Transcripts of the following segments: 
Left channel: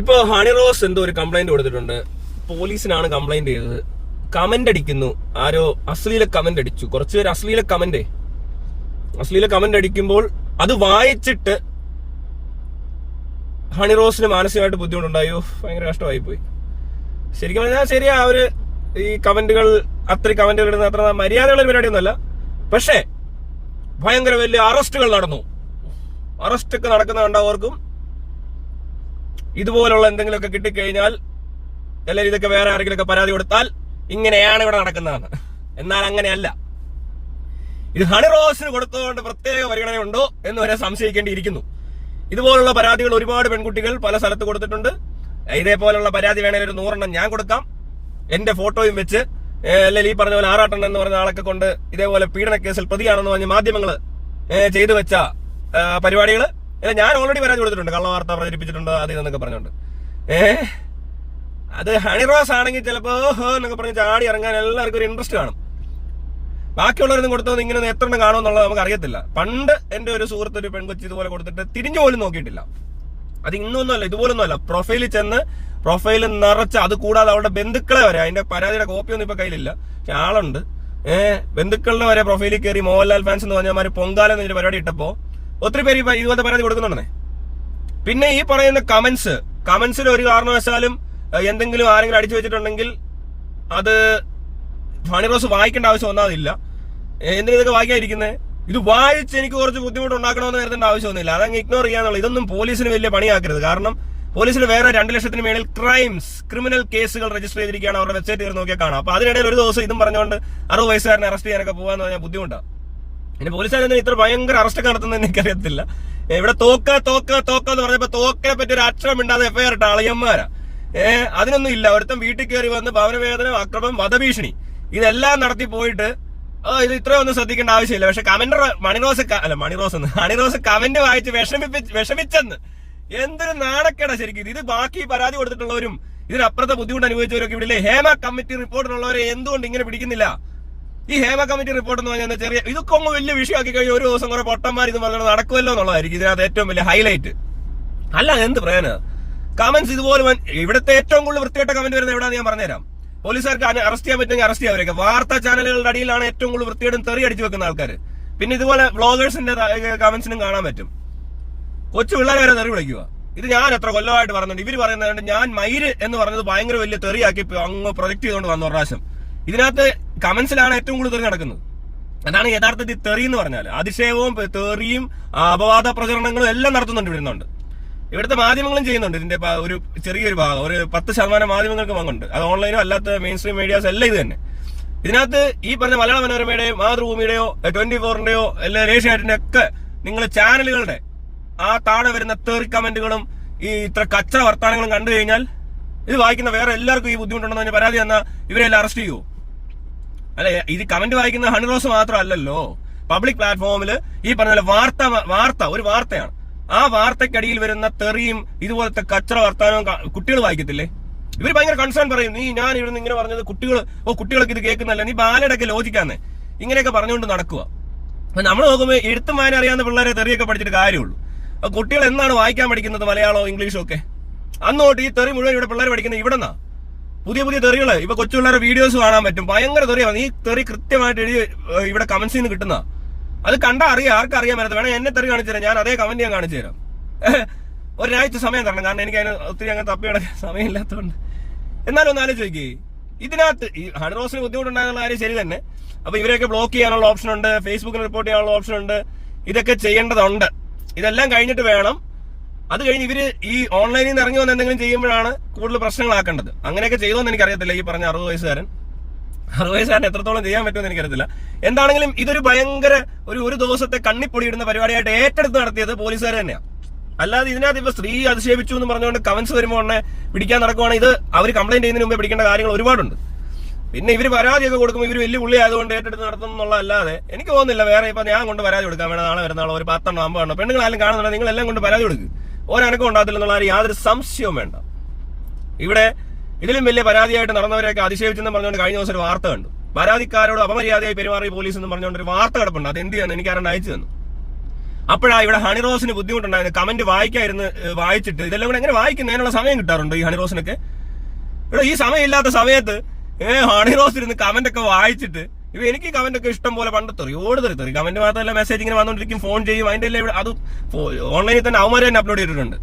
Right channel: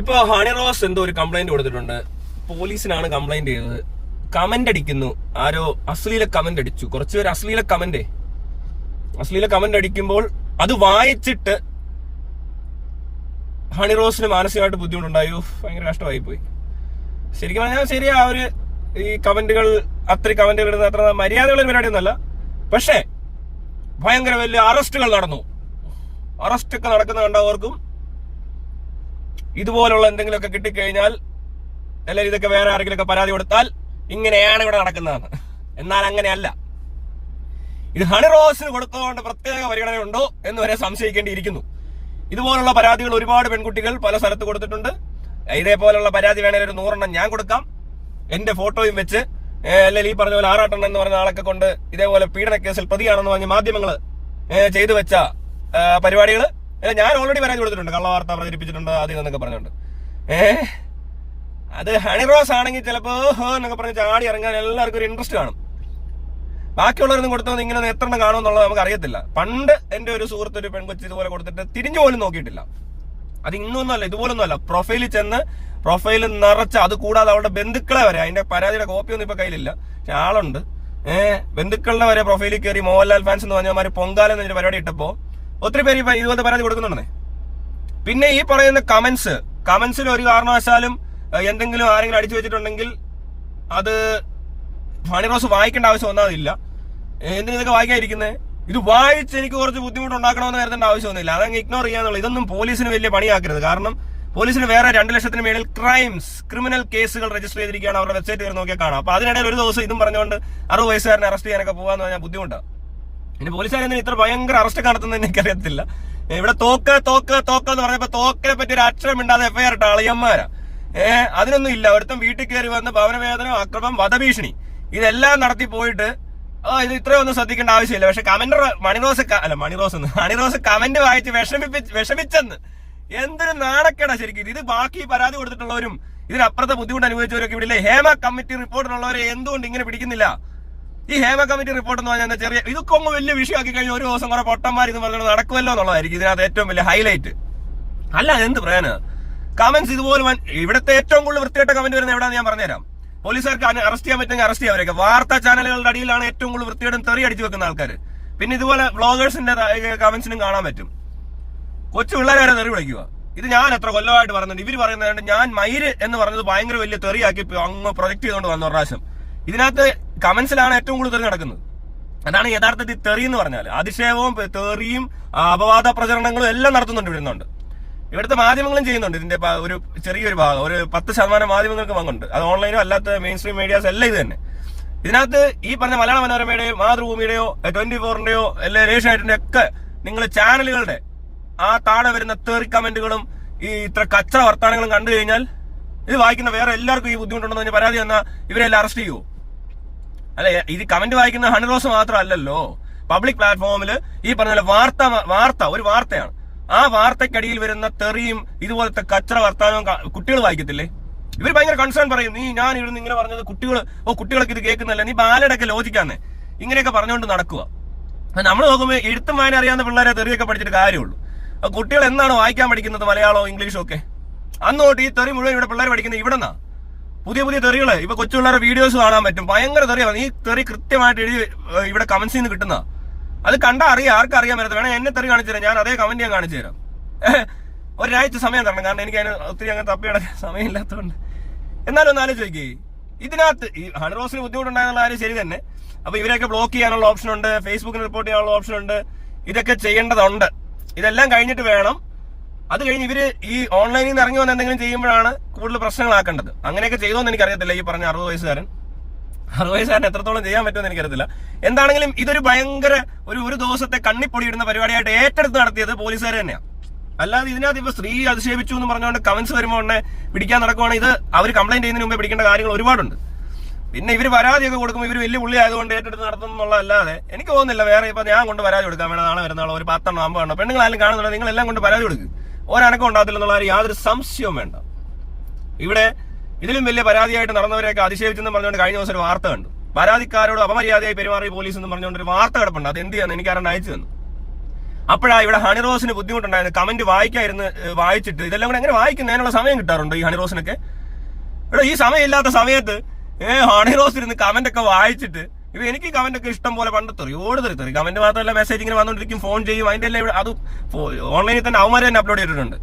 ഇപ്പൊ ഹണി റോസ് എന്തോ ഒരു കംപ്ലൈന്റ് കൊടുത്തിട്ടുണ്ട്. പോലീസിനാണ് കംപ്ലൈന്റ് ചെയ്തത്. കമന്റ് അടിക്കുന്നു, ആരോ അശ്ലീല കമന്റ് അടിച്ചു. കുറച്ചുപേര് അശ്ലീല കമന്റ് അടിക്കുമ്പോൾ അത് വായിച്ചിട്ട് ഹണി റോസിന് മാനസികമായിട്ട് ബുദ്ധിമുട്ടുണ്ടായോ. ഭയങ്കര കഷ്ടമായി പോയി. ശരിക്കും പറഞ്ഞാൽ ശരിയാ, അവര് ഈ കമന്റുകൾ അത്രയും കമന്റുകൾ ഇടുന്ന അത്ര മര്യാദകളുടെ പരിപാടിയൊന്നുമല്ല. പക്ഷേ ഭയങ്കര വലിയ അറസ്റ്റുകൾ നടന്നു. അറസ്റ്റൊക്കെ നടക്കുന്ന കണ്ടവർക്കും ഇതുപോലുള്ള എന്തെങ്കിലുമൊക്കെ കിട്ടിക്കഴിഞ്ഞാൽ അല്ലെങ്കിൽ ഇതൊക്കെ വേറെ ആരെങ്കിലുമൊക്കെ പരാതി കൊടുത്താൽ ഇങ്ങനെയാണ് ഇവിടെ നടക്കുന്നതെന്ന്. എന്നാൽ അങ്ങനെയല്ല. ഇത് ഹണി റോസിന് കൊടുത്തതുകൊണ്ട് പ്രത്യേക പരിഗണനയുണ്ടോ എന്ന് വരെ സംശയിക്കേണ്ടിയിരിക്കുന്നു. ഇതുപോലുള്ള പരാതികൾ ഒരുപാട് പെൺകുട്ടികൾ പല സ്ഥലത്ത് കൊടുത്തിട്ടുണ്ട്. ഇതേപോലുള്ള പരാതി വേണേൽ ഒരു 100 എണ്ണം ഞാൻ കൊടുക്കാം, എന്റെ ഫോട്ടോയും വെച്ച്. അല്ലെങ്കിൽ ഈ പറഞ്ഞ പോലെ ആറാട്ടെണ്ണം എന്ന് പറഞ്ഞ ആളൊക്കെ കൊണ്ട് ഇതേപോലെ പീഡന കേസിൽ പ്രതിയാണെന്ന് പറഞ്ഞ മാധ്യമങ്ങൾ ചെയ്തു വെച്ച പരിപാടികൾ ഞാൻ ഓൾറെഡി പരാതി കൊടുത്തിട്ടുണ്ട്. കള്ളവാർത്ത പ്രചരിപ്പിച്ചിട്ടുണ്ട് ആദ്യം എന്നൊക്കെ പറഞ്ഞുകൊണ്ട്. അത് ഹണി റോസ് ആണെങ്കിൽ ചിലപ്പോ എന്നൊക്കെ പറഞ്ഞ് ചാടി ഇറങ്ങാൻ എല്ലാവർക്കും ഒരു ഇൻട്രസ്റ്റ് കാണും. ബാക്കിയുള്ളവരൊന്നും കൊടുത്തത് ഇങ്ങനെ എത്ര എണ്ണം കാണുമെന്നുള്ളത് നമുക്ക് അറിയത്തില്ല. പണ്ട് എന്റെ ഒരു സുഹൃത്ത് ഒരു പെൺകൊച്ചി ഇതുപോലെ കൊടുത്തിട്ട് തിരിഞ്ഞു പോലും നോക്കിയിട്ടില്ല. അത് ഇന്നൊന്നുമല്ല, ഇതുപോലൊന്നുമല്ല. പ്രൊഫൈലിൽ ചെന്ന് പ്രൊഫൈൽ നിറച്ച്, അത് കൂടാതെ അവളുടെ ബന്ധുക്കളെ വരെ, അതിന്റെ പരാതിയുടെ കോപ്പിയൊന്നും ഇപ്പൊ കയ്യിലില്ല, പക്ഷെ ആളുണ്ട്. ബന്ധുക്കളുടെ വരെ പ്രൊഫൈലിൽ കയറി മോഹൻലാൽ ഫാൻസ് എന്ന് പറഞ്ഞാൽ പൊങ്കാല എന്നൊരു പരിപാടി ഇട്ടപ്പോ ഒത്തിരി പേര് ഇതുപോലത്തെ പരാതി കൊടുക്കുന്നുണ്ടേ. പിന്നെ ഈ പറയുന്ന കമന്റ്സിൽ ഒരു കാരണവശാലും എന്തെങ്കിലും ആരെങ്കിലും അടിച്ചു വെച്ചിട്ടുണ്ടെങ്കിൽ അത് ഹണി റോസ് വായിക്കേണ്ട ആവശ്യം ഒന്നാതില്ല. എന്തിനാ ഇതൊക്കെ വായിക്കാതിരിക്കുന്നത്? ഇത് വായിച്ച് എനിക്ക് കുറച്ച് ബുദ്ധിമുട്ടുണ്ടാക്കണമെന്ന് കരുതേണ്ട ആവശ്യമൊന്നുമില്ല. അതങ്ങ് ഇഗ്നോർ ചെയ്യാന്നുള്ളത്. ഇതൊന്നും പോലീസിന് വലിയ പണിയാക്കരുത്. കാരണം പോലീസിന് വേറെ 2 ലക്ഷത്തിന് മേളിൽ ക്രിമിനൽ കേസുകൾ രജിസ്റ്റർ ചെയ്തിരിക്കുകയാണ്. അവരുടെ വെബ്സൈറ്റ് കയറി നോക്കിയാൽ കാണാം. അപ്പൊ അതിനിടയിൽ ഒരു ദിവസം ഇതും പറഞ്ഞുകൊണ്ട് 60 വയസ്സുകാരനെ അറസ്റ്റ് ചെയ്യാനൊക്കെ പോകാന്ന് പറഞ്ഞാൽ ബുദ്ധിമുട്ടാണ്. പിന്നെ പോലീസുകാരൊന്നും ഇത്ര ഭയങ്കര അറസ്റ്റ് നടത്തുന്നതെന്ന് എനിക്കറിയത്തില്ല. ഇവിടെ തോക്ക എന്ന് പറഞ്ഞപ്പോ തോക്കിനെ പറ്റി ഒരു അക്ഷരം ഇണ്ടാതെ എഫ്ഐആർ ഇട്ട അളിയന്മാരാ. അതിനൊന്നും ഇല്ല. ഒരുത്തം വീട്ടിൽ കയറി വന്ന് ഭവനവേദന, അക്രമം, വധഭീഷണി ഇതെല്ലാം നടത്തി പോയിട്ട് ഇത് ഇത്രയൊന്നും ശ്രദ്ധിക്കേണ്ട ആവശ്യമില്ല. പക്ഷെ ഹണി റോസ് കമന്റ് വായിച്ച് വിഷമിച്ചെന്ന് എന്തൊരു നാണക്കേടാ ശരിക്കും. ഇത് ബാക്കി പരാതി കൊടുത്തിട്ടുള്ളവരും ഇതിനപ്പുറത്തെ ബുദ്ധിമുട്ട് അനുഭവിച്ചവരൊക്കെ ഇവിടെ ഹേമ കമ്മിറ്റി റിപ്പോർട്ടിനുള്ളവരെ എന്തുകൊണ്ട് ഇങ്ങനെ പിടിക്കുന്നില്ല? ഈ ഹേമ കമ്മിറ്റി റിപ്പോർട്ട് എന്ന് പറഞ്ഞാൽ ചെറിയ ഇതൊക്കെ ഒന്ന് വലിയ വിഷയമാക്കി കഴിഞ്ഞാൽ ഒരു ദിവസം കുറെ പൊട്ടന്മാർ ഇത് പറഞ്ഞാൽ നടക്കുമല്ലോ എന്നുള്ളതായിരിക്കും ഇതിനകത്ത് ഏറ്റവും വലിയ ഹൈലൈറ്റ്. അല്ല എന്ത് പറയാന്, കമന്റ്സ് ഇതുപോലെ ഇവിടുത്തെ ഏറ്റവും കൂടുതൽ വൃത്തികെട്ട കമന്റ് വരുന്നത് എവിടെയാണെന്ന് ഞാൻ പറഞ്ഞുതരാം. പോലീസുകാർക്ക് അറസ്റ്റ് ചെയ്യാൻ പറ്റുമെങ്കിൽ അറസ്റ്റ് ചെയ്യാവരൊക്കെ. വാർത്താ ചാനലുകളുടെ അടിയിലാണ് ഏറ്റവും കൂടുതൽ വൃത്തികേടും തെറി അടിച്ചു വെക്കുന്ന ആൾക്കാർ. പിന്നെ ഇതുപോലെ വ്ളോഗേഴ്സിന്റെ കമന്റ്സിനും കാണാൻ പറ്റും. കൊച്ചു പിള്ളേരെ വരെ തെറി വിളിക്കുക. ഇത് ഞാൻ എത്ര കൊല്ലമായിട്ട് പറഞ്ഞിട്ടുണ്ട്. ഇവര് പറയുന്നത് ഞാൻ മയിര് എന്ന് പറഞ്ഞത് ഭയങ്കര വലിയ തെറിയാക്കി അങ്ങ് പ്രൊജക്ട് ചെയ്തുകൊണ്ട് വന്ന പ്രാവശ്യം. ഇതിനകത്ത് കമന്റ്സിലാണ് ഏറ്റവും കൂടുതൽ തെറി നടക്കുന്നത്. അതാണ് യഥാർത്ഥത്തിൽ തെറി എന്ന് പറഞ്ഞാൽ. അതിശയവും തെറിയും അപവാദ പ്രചരണങ്ങളും എല്ലാം നടത്തുന്നുണ്ട്. ഇവിടുത്തെ മാധ്യമങ്ങളും ചെയ്യുന്നുണ്ട്. ഇതിന്റെ ഒരു ചെറിയൊരു ഭാഗം, ഒരു 10% മാധ്യമങ്ങൾക്ക് വന്നുണ്ട്. അത് ഓൺലൈനോ അല്ലാത്ത മെയിൻ സ്ട്രീം മീഡിയാസ് എല്ലാം ഇത് തന്നെ. ഇതിനകത്ത് ഈ പറഞ്ഞ മലയാള മനോരമയുടെയോ മാതൃഭൂമിയുടെയോ 24-ന്റെയോ അല്ലെങ്കിൽ ഏഷ്യാനെറ്റിന്റെ ഒക്കെ നിങ്ങൾ ചാനലുകളുടെ ആ താഴെ വരുന്ന തെറി കമന്റുകളും ഈ ഇത്ര കച്ചറ വർത്താനങ്ങളും കണ്ടു കഴിഞ്ഞാൽ ഇത് വായിക്കുന്ന വേറെ എല്ലാവർക്കും ഈ ബുദ്ധിമുട്ടുണ്ടെന്ന് പരാതി തന്നാൽ ഇവരെല്ലാം അറസ്റ്റ് ചെയ്യൂ. അല്ല, ഇത് കമന്റ് വായിക്കുന്ന ഹണി റോസ് മാത്രമല്ലല്ലോ. പബ്ലിക് പ്ലാറ്റ്ഫോമിൽ ഈ പറഞ്ഞ വാർത്ത ഒരു വാർത്തയാണ്. ആ വാർത്തക്കടിയിൽ വരുന്ന തെറിയും ഇതുപോലത്തെ കച്ചറ വർത്താനവും കുട്ടികൾ വായിക്കത്തില്ലേ? ഇവർ ഭയങ്കര കൺസേൺ പറയും. ഞാൻ ഇവിടുന്ന് ഇങ്ങനെ പറഞ്ഞത് കുട്ടികൾക്ക് ഇത് കേൾക്കുന്നല്ല, നീ ബാലയുടെയൊക്കെ ലോജിക്കാന്ന് ഇങ്ങനെയൊക്കെ പറഞ്ഞുകൊണ്ട് നടക്കുക. നമ്മൾ നോക്കുമ്പോൾ എഴുത്തും വായന അറിയാവുന്ന പിള്ളേരെ തെറിയൊക്കെ പഠിച്ചിട്ട് കാര്യമുള്ളൂ. കുട്ടികൾ എന്താണ് വായിക്കാൻ പഠിക്കുന്നത്? മലയാളവും ഇംഗ്ലീഷും ഒക്കെ. അന്നോട്ട് ഈ തെറി മുഴുവൻ ഇവിടെ പിള്ളേർ പഠിക്കുന്നത് ഇവിടെന്നാ. പുതിയ തെറികള് ഇപ്പൊ കൊച്ചു പിള്ളേരെ വീഡിയോസ് കാണാൻ പറ്റും. ഭയങ്കര തെറിയാണ്. ഈ തെറി കൃത്യമായിട്ട് എഴുതി ഇവിടെ കമന്റ്സിൽ നിന്ന് കിട്ടുന്ന. അത് കണ്ടാ അറിയാം, ആർക്കറിയാൻ പറ്റത്ത്. വേണം എന്നെ തെറി കാണിച്ചു തരാം, ഞാൻ അതേ കമന്റ് ഞാൻ കാണിച്ചു തരാം. ഒരാഴ്ച സമയം തരണം, കാരണം എനിക്ക് അതിന് ഒത്തിരി അങ്ങനെ തപ്പിയടക്കാൻ സമയമില്ലാത്തതുകൊണ്ട്. എന്നാലും ഒന്ന് ആലോചിച്ച് ഇതിനകത്ത് ഈ ഹണി റോസിന് ബുദ്ധിമുട്ടുണ്ടാകുന്ന കാര്യം ശരി തന്നെ. അപ്പൊ ഇവരെയൊക്കെ ബ്ലോക്ക് ചെയ്യാനുള്ള ഓപ്ഷൻ ഉണ്ട്, ഫേസ്ബുക്കിൽ റിപ്പോർട്ട് ചെയ്യാനുള്ള ഓപ്ഷൻ ഉണ്ട്. ഇതൊക്കെ ചെയ്യേണ്ടതുണ്ട്. ഇതെല്ലാം കഴിഞ്ഞിട്ട് വേണം. അത് കഴിഞ്ഞ് ഇവര് ഈ ഓൺലൈനിൽ നിന്ന് ഇറങ്ങി വന്ന് എന്തെങ്കിലും ചെയ്യുമ്പോഴാണ് കൂടുതൽ പ്രശ്നങ്ങളാക്കേണ്ടത്. അങ്ങനെയൊക്കെ ചെയ്തോന്ന് എനിക്കറിയത്തില്ല. ഈ പറഞ്ഞ 60 വയസ്സുകാരൻ എത്രത്തോളം ചെയ്യാൻ പറ്റുമെന്ന് എനിക്കറിയത്തില്ല. എന്താണെങ്കിലും ഇതൊരു ഭയങ്കര ഒരു ദിവസത്തെ കണ്ണിപ്പൊടിയിടുന്ന പരിപാടിയായിട്ട് ഏറ്റെടുത്ത് നടത്തിയത് പോലീസുകാർ തന്നെയാണ്. അല്ലാതെ ഇതിനകത്ത് ഇപ്പൊ സ്ത്രീ അധിക്ഷേപിച്ചു എന്ന് പറഞ്ഞുകൊണ്ട് കമന്റ്സ് വരുമ്പോൾ ഉടനെ പിടിക്കാൻ നടക്കുവാണ്. ഇത് അവർ കംപ്ലൈന്റ് ചെയ്യുന്നതിന് മുമ്പേ പിടിക്കേണ്ട കാര്യങ്ങൾ ഒരുപാടുണ്ട്. പിന്നെ ഇവര് പരാതിയൊക്കെ കൊടുക്കുമ്പോൾ ഇവര് വലിയ പുള്ളി ആയതുകൊണ്ട് ഏറ്റെടുത്ത് നടത്തുന്നുള്ളതല്ലാതെ എനിക്ക് തോന്നുന്നില്ല വേറെ. ഇപ്പൊ ഞാൻ കൊണ്ട് പരാതി കൊടുക്കാൻ വേണം, നാളെ വരുന്ന ഒരു 10 എണ്ണോ 50 എണ്ണോ പെണ്ണുങ്ങൾ ആരും കാണുന്നുണ്ടെങ്കിൽ നിങ്ങൾ എല്ലാം കൊണ്ട് പരാതി കൊടുക്കുക. ഒരനക്കം ഉണ്ടാകത്തില്ല എന്നുള്ള യാതൊരു സംശയവും വേണ്ട. ഇവിടെ ഇതിലും വലിയ പരാതിയായിട്ട് നടന്നവരെയൊക്കെ അതിശയിച്ചെന്ന് പറഞ്ഞുകൊണ്ട് കഴിഞ്ഞ ദിവസം ഒരു വാർത്ത കണ്ടു. പരാതിക്കാരോട് അപമര്യാദയായി പെരുമാറി പോലീസ് എന്ന് പറഞ്ഞുകൊണ്ട് ഒരു വാർത്ത കിടപ്പുണ്ട്. അത് എന്ത് ചെയ്യാന്ന് എനിക്ക് ആരാണ്ട് അയച്ചു തന്നു. അപ്പോഴാ ഇവിടെ ഹണിറോസിന് ബുദ്ധിമുട്ടുണ്ടായിരുന്നു. കമന്റ് വായിച്ചിട്ട് ഇതെല്ലാം കൂടെ എങ്ങനെ വായിക്കുന്നതിനുള്ള സമയം കിട്ടാറുണ്ടോ ഈ ഹണിറോസിനൊക്കെ? ഇവിടെ ഈ സമയമില്ലാത്ത സമയത്ത് ഹണിറോസ് ഇരുന്ന് കമന്റ് ഒക്കെ വായിച്ചിട്ട് ഇപ്പൊ എനിക്ക് കമന്റ് ഒക്കെ ഇഷ്ടം പോലെ പണ്ട് തെറി കമന്റ് മാത്രമല്ല മെസ്സേജ് ഇങ്ങനെ വന്നുകൊണ്ടിരിക്കും, ഫോൺ ചെയ്യും, അതിന്റെ എല്ലാം അത് ഓൺലൈനിൽ തന്നെ അവന്മാരെ തന്നെ അപ്ലോഡ് ചെയ്തിട്ടുണ്ട്